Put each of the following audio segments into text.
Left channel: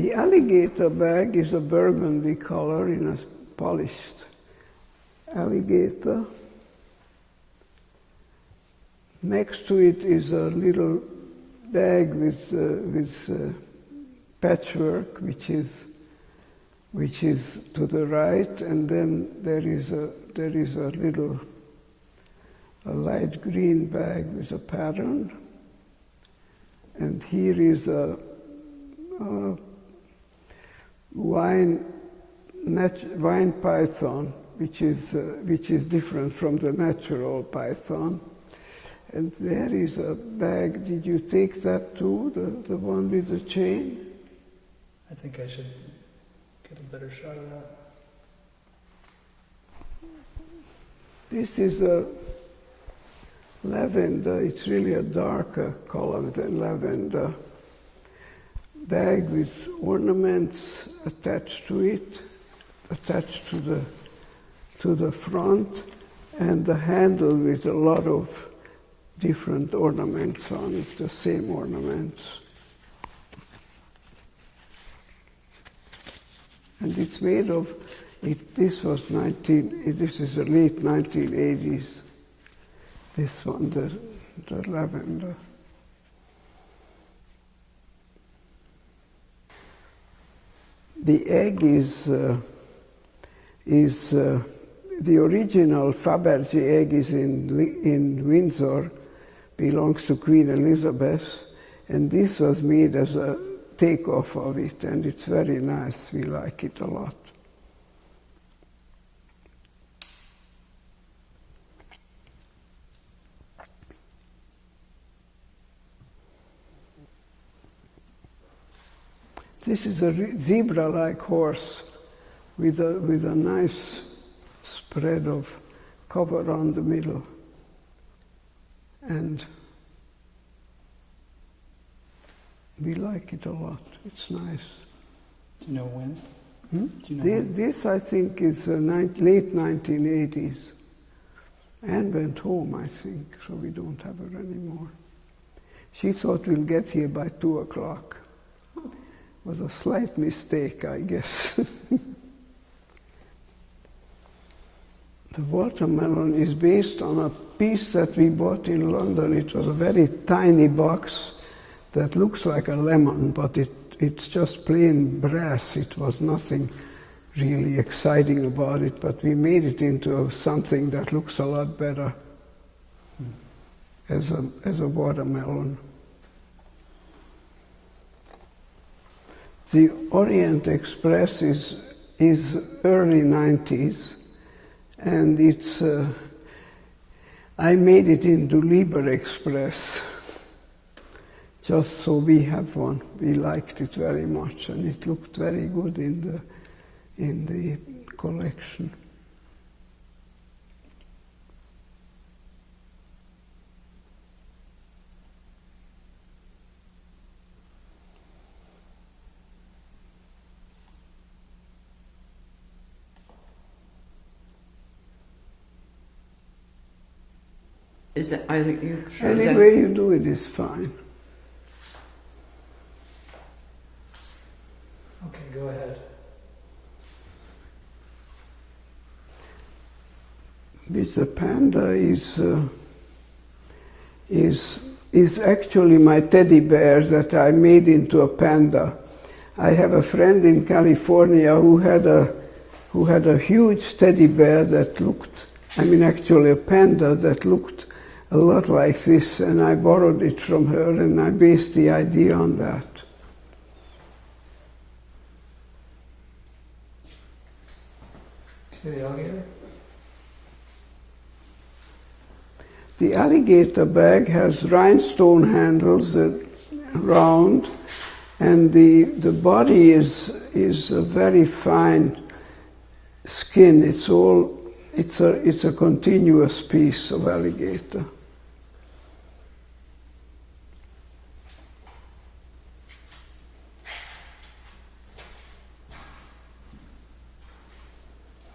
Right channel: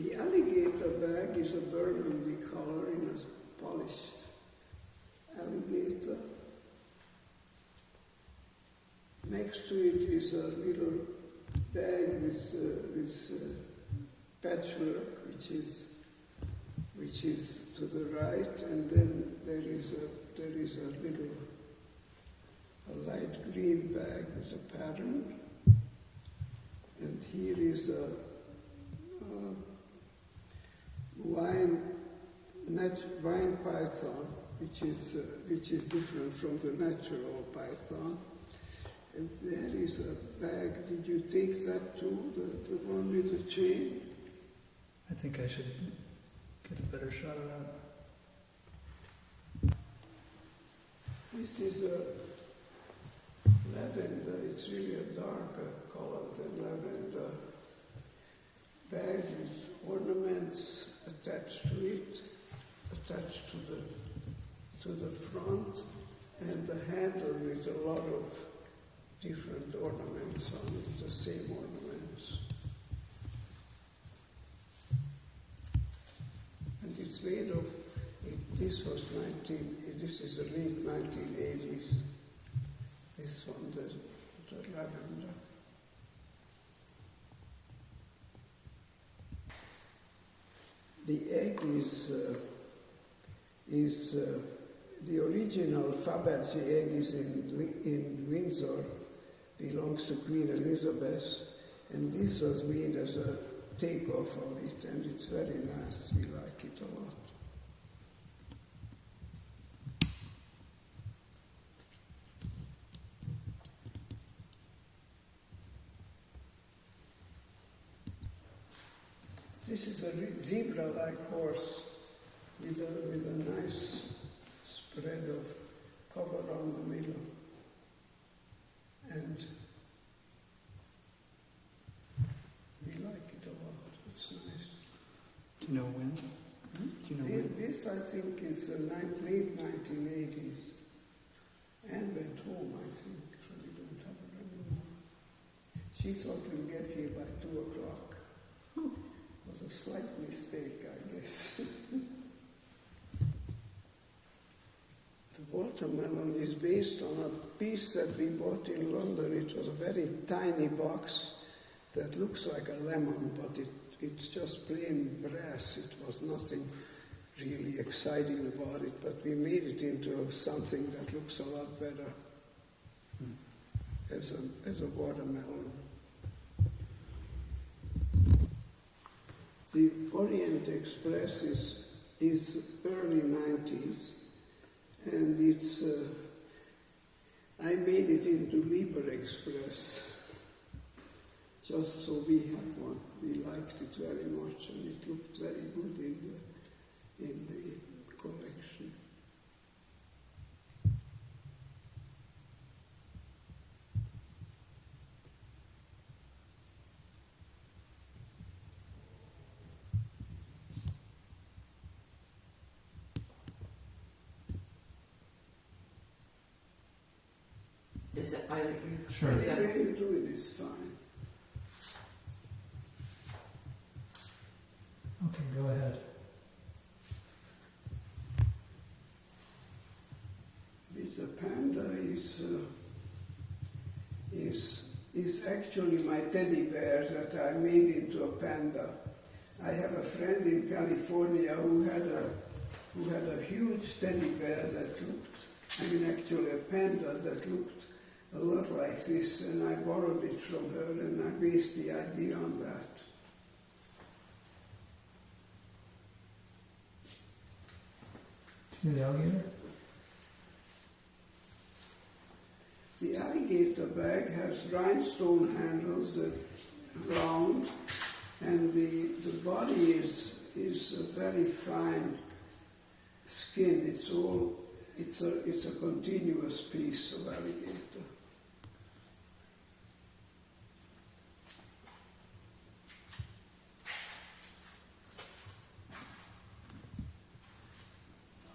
The alligator bag is a burgundy color in a polished alligator. Next to it is a little bag with patchwork, which is to the right, and then there is a light green bag with a pattern, and here is a wine python, which is different from the natural python. And there is a bag. Did you take that too, the one with the chain? I think I should get a better shot of that. This is a lavender. It's really a darker color than lavender. Bag with ornaments attached to it, attached to the front, and the handle with a lot of different ornaments on it, the same ornaments. And it's made of, this is the late 1980s, this one, the lavender. The egg is the original Fabergé egg is in Windsor, belongs to Queen Elizabeth, and this was made as a takeoff of it, and it's very nice. We like it a lot. This is a zebra-like horse with a nice spread of cover on the middle. And we like it a lot. It's nice. Do you know when? Do you know this, I think, is late 1980s. Anne went home, I think, so we don't have her anymore. She thought we'll get here by 2 o'clock. It was a slight mistake, I guess. The watermelon is based on a piece that we bought in London. It was a very tiny box that looks like a lemon, but it's just plain brass. It was nothing really exciting about it, but we made it into something that looks a lot better as a watermelon. The Orient Express is early 90s, and it's I made it into Liber Express just so we have one. We liked it very much, and it looked very good in the collection. Is it, are you sure? Any way you do it is fine. Okay, go ahead. With the panda is actually my teddy bear that I made into a panda. I have a friend in California who had a huge teddy bear that looked, actually a panda that looked a lot like this, and I borrowed it from her, and I based the idea on that. See the alligator? The alligator bag has rhinestone handles that round, and the body is a very fine skin. It's a continuous piece of alligator.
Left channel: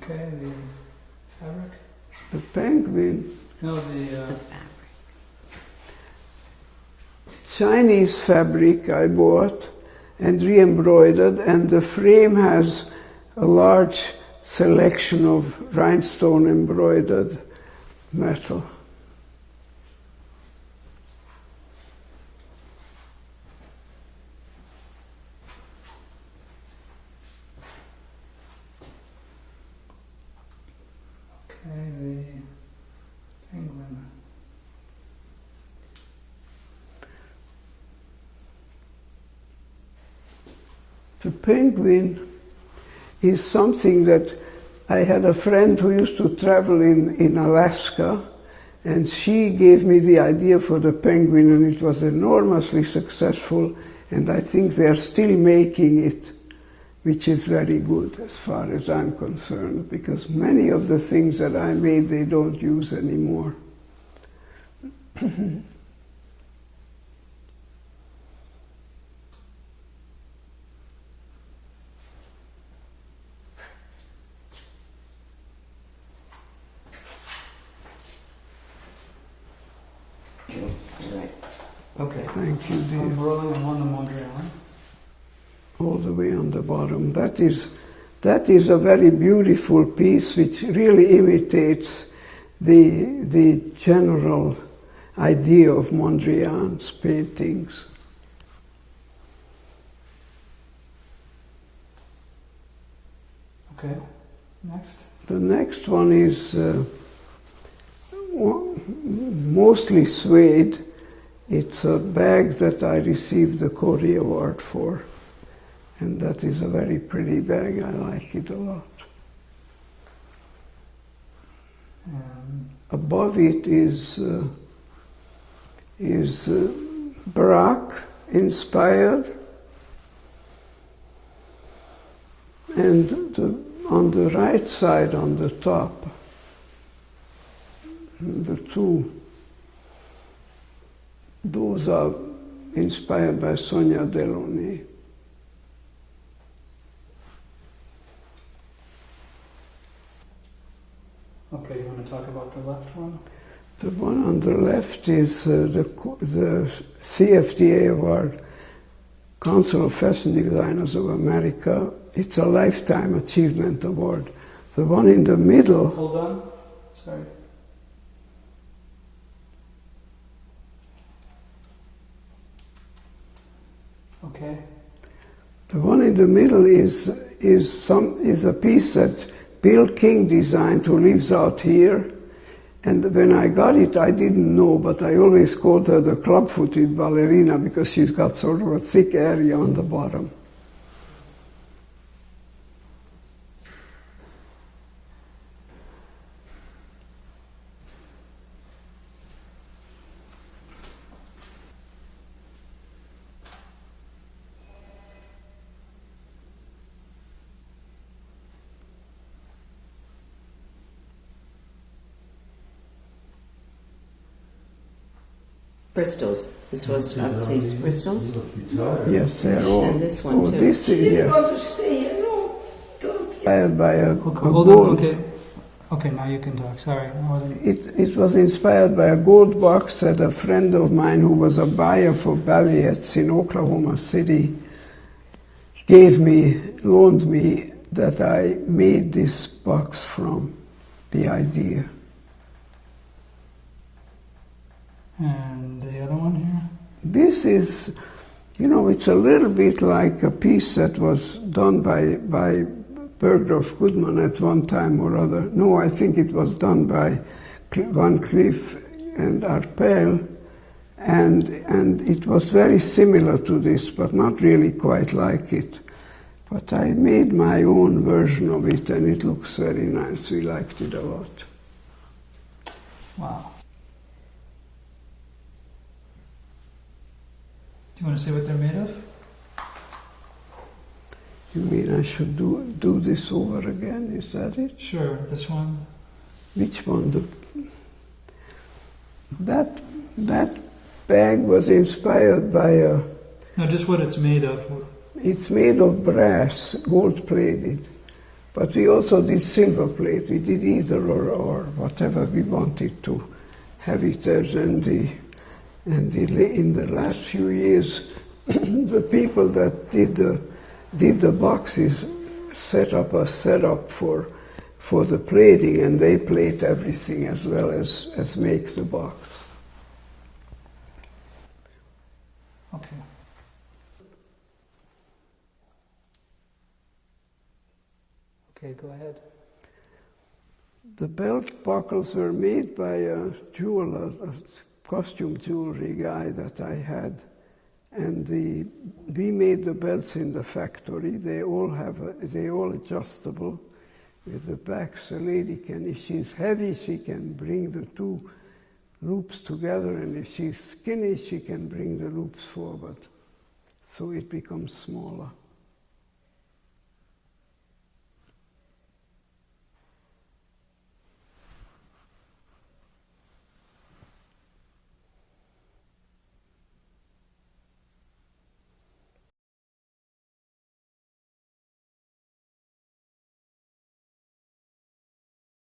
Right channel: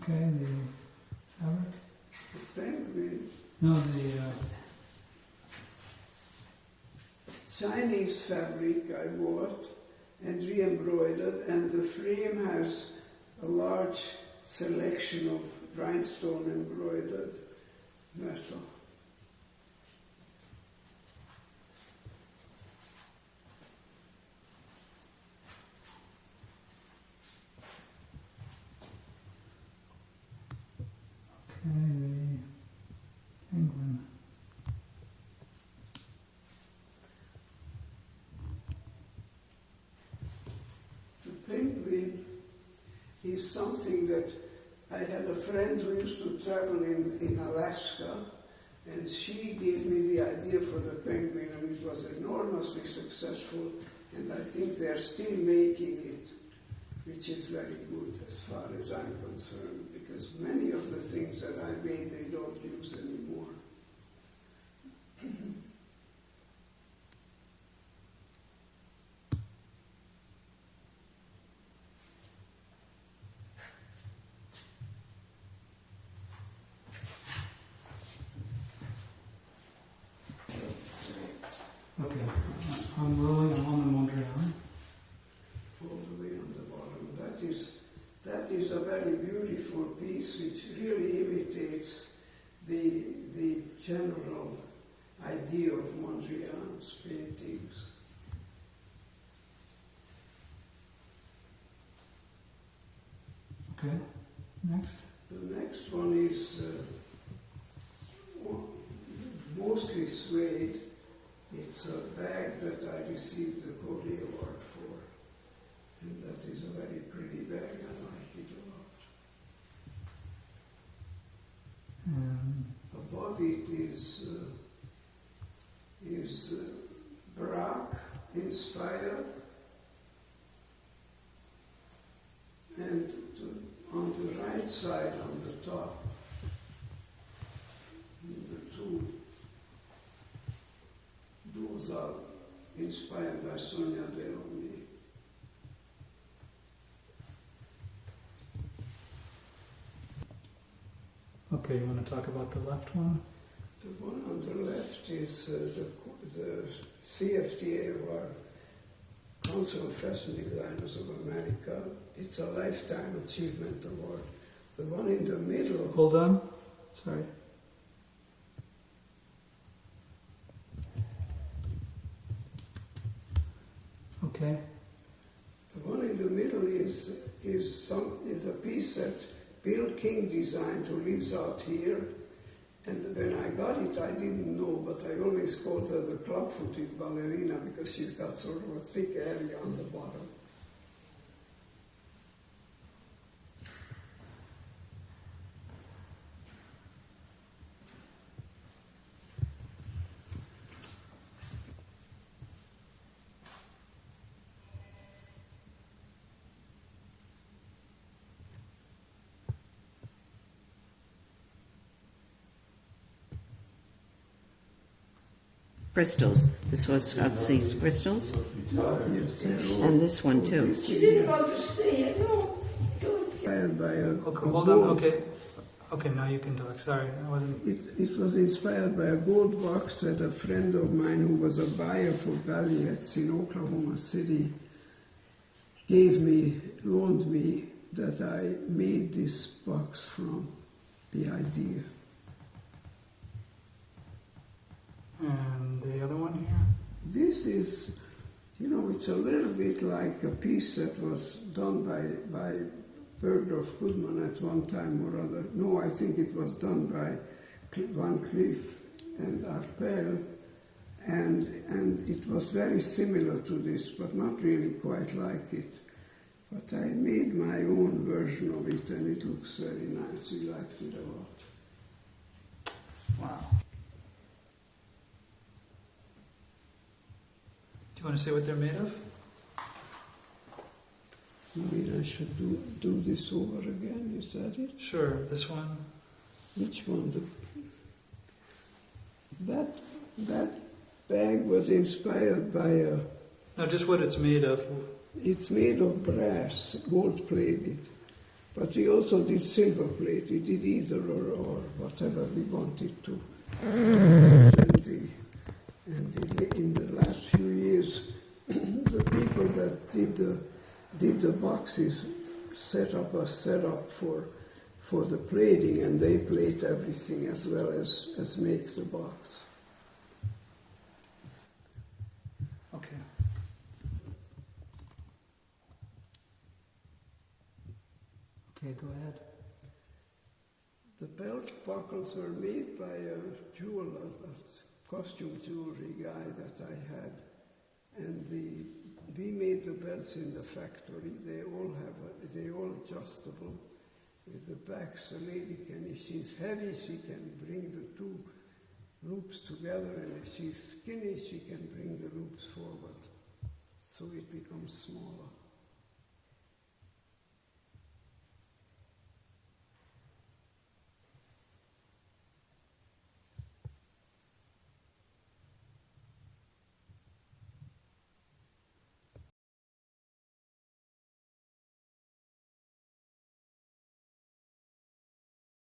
Okay, the fabric? The penguin. No, the Chinese fabric I bought, and re-embroidered, and the frame has a large selection of rhinestone embroidered metal. Okay, the penguin. The penguin is something that I had a friend who used to travel in Alaska, and she gave me the idea for the penguin, and it was enormously successful, and I think they're still making it, which is very good as far as I'm concerned, because many of the things that I made they don't use anymore. Okay. Thank you, dear. I'm rolling on the Mondrian. All the way on the bottom. That is a very beautiful piece which really imitates the general idea of Mondrian's paintings. Okay. Next. The next one is mostly suede. It's a bag that I received the Cori Award for. And that is a very pretty bag. I like it a lot. Above it is Baroque inspired, and on the right side, on the top, the two, those are inspired by Sonia Delaunay. Okay, you want to talk about the left one? The one on the left is the CFDA Award, Council of Fashion Designers of America. It's a Lifetime Achievement Award. The one in the middle... Hold on. Sorry. Okay. The one in the middle is a piece that Bill King designed, who lives out here. And when I got it, I didn't know, but I always called her the club-footed ballerina because she's got sort of a thick area on the bottom. Crystals. This was St. Crystals. Yes, they're all. And this one too. This is, yes. Inspired by a Hold on. Okay. Okay, now you can talk. Sorry, I wasn't. It was inspired by a gold box that a friend of mine who was a buyer for Balliettes in Oklahoma City loaned me, that I made this box from, the idea. And the other one here? This is, it's a little bit like a piece that was done by Bergdorf Goodman at one time or other. No, I think it was done by Van Cleef and Arpels, and it was very similar to this, but not really quite like it. But I made my own version of it, and it looks very nice. We liked it a lot. Wow. Do you want to say what they're made of? You mean I should do this over again? Is that it? Sure. This one. Which one? That bag was inspired by a... No, just what it's made of. It's made of brass, gold-plated. But we also did silver plate. We did either or whatever we wanted to have it as. And in the last few years, the people that did the boxes set up a setup for the plating, and they plate everything as well as make the box. Okay. Okay, go ahead. The belt buckles were made by a jeweler, a costume jewelry guy that I had, and we made the belts in the factory. They all adjustable. With the backs, a lady can, if she's heavy, she can bring the two loops together, and if she's skinny, she can bring the loops forward. So it becomes smaller.